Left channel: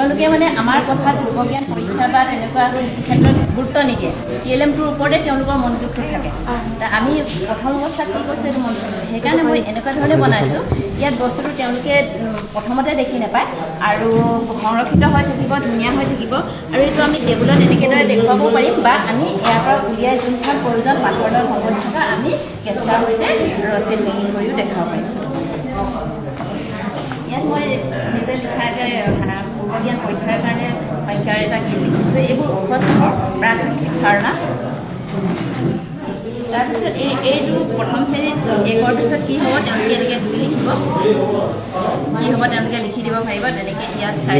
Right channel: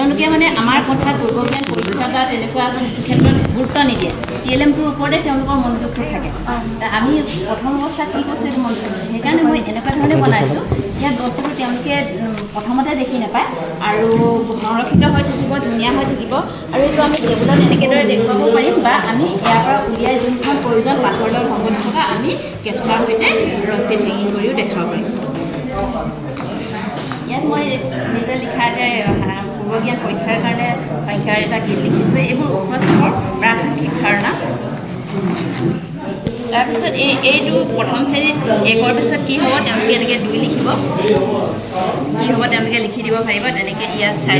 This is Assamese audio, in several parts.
তেওঁলোকে মানে আমাৰ কথাত পূৰ্বজ্ঞান পৰীক্ষা বা তেনেকুৱা ক্ষেত্ৰত গুৰুত্ব নিদিয়ে TLM-টোৰ ওপৰতে তেওঁলোকৰ মনোযোগটো থাকে আমি প্ৰথম অৱস্থাত কি কৈছোঁ এইটো মনোযোগ সেইকাৰণে মই এনেকুৱা ধৰণে বনাইছোঁ ইয়াত বস্তুটো তেওঁলোকে প্ৰথমতে দেখি নাপায় আৰু সংৰক্ষিত হৈ থাকিব ধুনীয়া হৈ থাকিব আৰু এইটো আমি টেবুলত এনেকেদৰে দেখুৱাব পাৰিম বা আমি ইয়াৰ পৰা উলিয়াই যোনখন প্ৰয়োজন পাঠৰ লগত সংগত থকা আমি কেপচাৰ সৈতে ৰচিদ হেঙিং কৰিও দেখাব পাৰিম ইয়াত মই নিজে লিখা যে পূৰ্বজ্ঞান পৰীক্ষাৰ কাৰণে সংখ্যাৰ এটা গীত লিখিছোঁ এইবোৰ উপস্থাপৰ প্ৰাসংগিক ধাৰণা তাৰপিছত এইটো প্ৰথম শ্ৰেণীত 1ৰ পিছত কি হ'ব তেওঁলোকে এনেকৈ 2 লিখিব কি হ'ব তেওঁলোকে লিখি দিব পাৰিব তেনেকৈ ইয়াত 4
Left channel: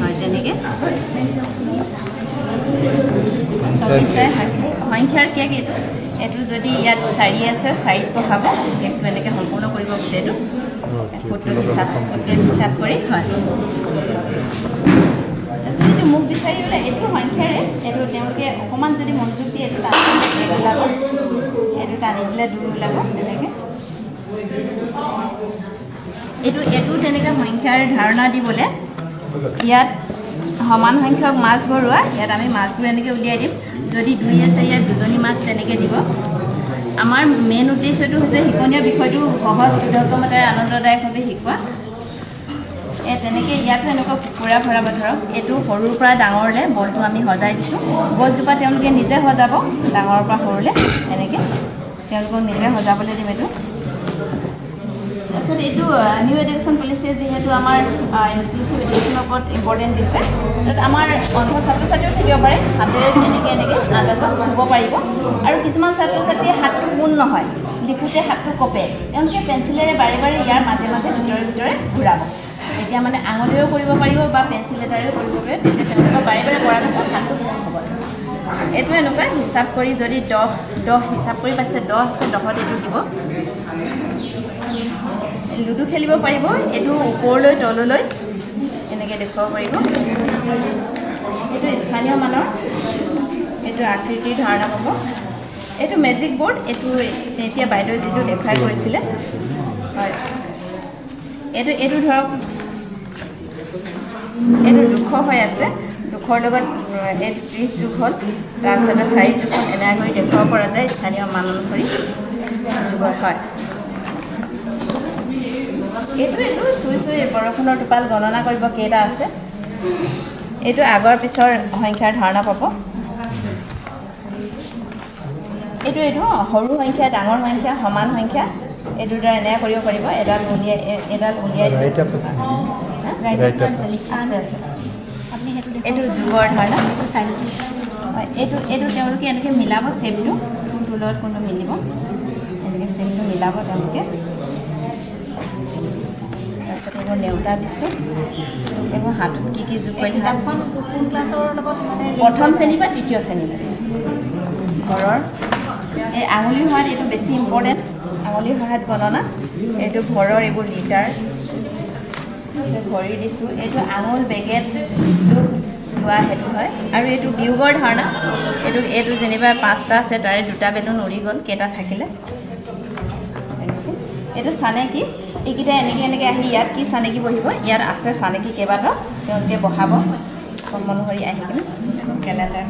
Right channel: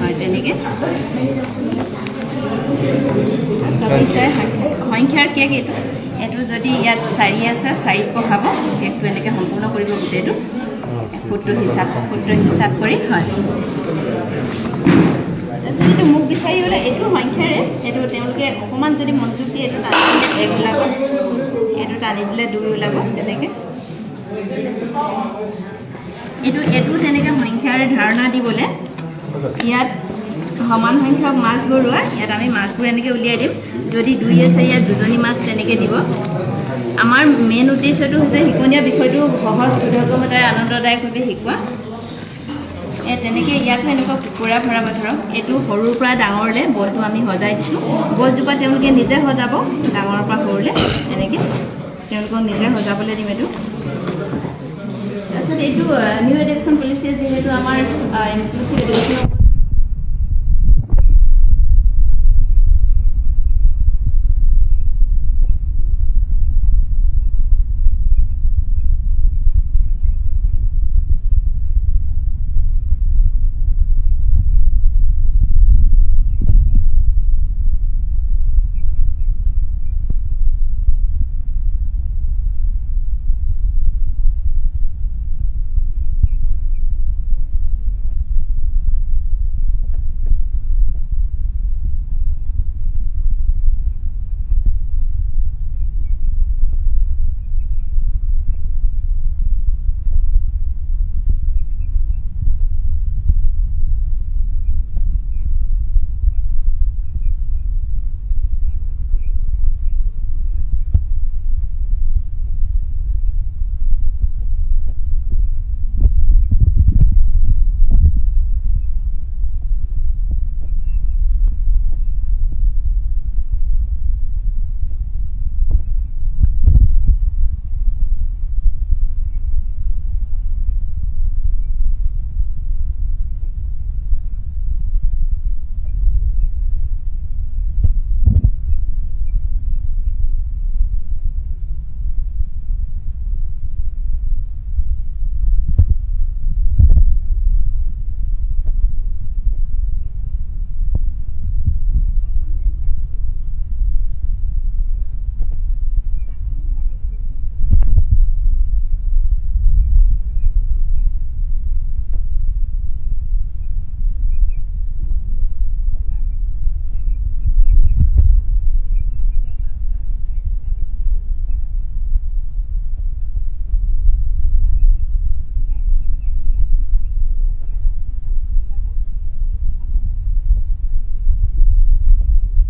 হয় তেনেকৈ সংখ্যাৰ কি এইটো যদি ইয়াত 4 আছে 4ত পঢ়াব এইটো এনেকৈ সম্পূৰ্ণ কৰিব গোটেইটো সূত্ৰ হিচাপ কৰি হয় এইটো মোক বিচাৰি গ'লে এইটো সংখ্যাৰে এইটো তেওঁলোকে অকণমান যদি মনোযোগ দিয়ে এইটো টানি দিলে 1 ওলাব এইটো টানি দিলে 2 ওলাব তেনেকৈ এইটো তেনেকৈ সংখ্যাৰ ধাৰণা দিবলৈ ইয়াত সমান সংখ্যক মাছ ভৰোৱা ইয়াত আমি মাছবোৰ এনেকৈ উলিয়াই দিম যদি 2 আছে ইয়াত 2জনী মাছ তেনেকৈ দিব আমাৰ মেইন উদ্দেশ্যটো হৈছে শিকনীয়া বিষয়টো সহজ বোধগম্যতাৰে আনন্দদায়কভাৱে শিকোৱা তেনেকৈ ইয়াতো এনেকুৱা কুকুৰা ভৰাব ধৰক এইটো সৰুৰ পৰা ডাঙৰলৈ বলটো আমি সজাই দিছোঁ বলজোপা তেওঁলোকে নিজে সজাব ডাঙৰৰ পৰা সৰুলৈ এনেকৈ তেওঁলোকক নিজে সজাবলৈ দিম এইটো তাৰপিছত এইটো নিউ এডুকেশ্যন পলিচিয়ে যিহেতু আমাৰ ইনক্লুচিভ এডুকেশ্যনৰ ওপৰত ইম্পৰ্টেণ্ট দিছে তাত আমাৰ অন্ধ ছাত্ৰ ছাত্ৰীও থাকিব পাৰে হাতেৰে এনেকৈ আন্দাজত চুব পাৰিব আৰু কিছুমান ছাত্ৰ ছাত্ৰীয়ে হাতটো পোন নহয় লিখোঁতে হাতটো কপে তেওঁলোকে পেঞ্চিলেৰে বাৰে বাৰে ইয়াৰ মাজে মাজে ভিতৰে ঘূৰাব এতিয়া মানে আঙুলিৰেও কৰিব পাৰিব বা পেঞ্চিল এটাৰেও কৰিব পাৰে তেতিয়া তেওঁলোকৰ বাৰে বাৰে কৰাৰ পাছত হাতটো পোন হ'ব এইটো এনেকুৱা হিচাপ কৰি যদি 10 হিচাপ কৰি পাইছে 10 আছে 10ত এইটো দিব লুডু খেলিব পাৰিব এইটো ওপৰলৈ তললৈ এনেকৈ দেখুৱাব পাৰিব এইটো স্থানীয় মানৰ এইটো আকৃতিৰ ধাৰণা হ'ব এইটো মেজিক বোৰ্ড এইটো এতিয়া বাইদেউ যিটো দেখাই গৈছিলে হয় এইটো ধৰক এইটো 200 হৈ আছে 200ৰ লগত এইটো 30 যোগ হ'ল তাৰপিছতে 4 যোগ এনেকৈ কৰি দেখুৱাব পৰা যায় স্থানীয় মান অনুসৰি যোগ হয় এইটো চুই বৰষুণৰ টোপাল গণনা কৰিব কেইটা আছে এইটো আগৰ পিছৰ সংখ্যাৰ ধাৰণা পাব এইটো সৰু সংখ্যা ডাঙৰ সংখ্যা সমান সংখ্যা এইটোৰ দ্বাৰা এনেকৈ কৰিব পাৰিব এডাল উলিয়াই এইটো যুগৰ ধাৰণা এইটো তেওঁলোকে এনেকৈ মিলাব চেপটো কোনটোৰ লগত কোনটো মিলিব এনেকৈ চেপটো মিলাব তেওঁলোকে নেওতা দিছোঁ এইবোৰ হাতত কি যোগ কৰি কিতাপখন কোন ক্লাছৰ লগত প্ৰথম শ্ৰেণী বা তৃতীয় শ্ৰেণী ঘৰৰ এই আঙুলিৰ সহায়ত এইটো বেছি ইম্পৰ্টেণ্ট আঙুলিৰ সহায়ত গণনা এইটো ঘৰৰ এইবোৰ লিটাৰ ভৰি দিছোঁ এইটো আঙুল বেগেট যোগ লোৱা সেইটো হয় আৰু এইটো বিয়োগৰ ধাৰণা এইটো যেনিবা 5টা আছে তাৰে 2টা বেলুন উৰি গ'ল কেইটা থাকিলে এইটো চানেকি এইকেইটা এনেকৈ আহি ইয়াত কি চানেকি বহিব ইয়াত আছে চানেকি কেইবাটাও তেওঁলোকে বহাব কম অনুসৰি আহি কিনে কেলেণ্ডাৰ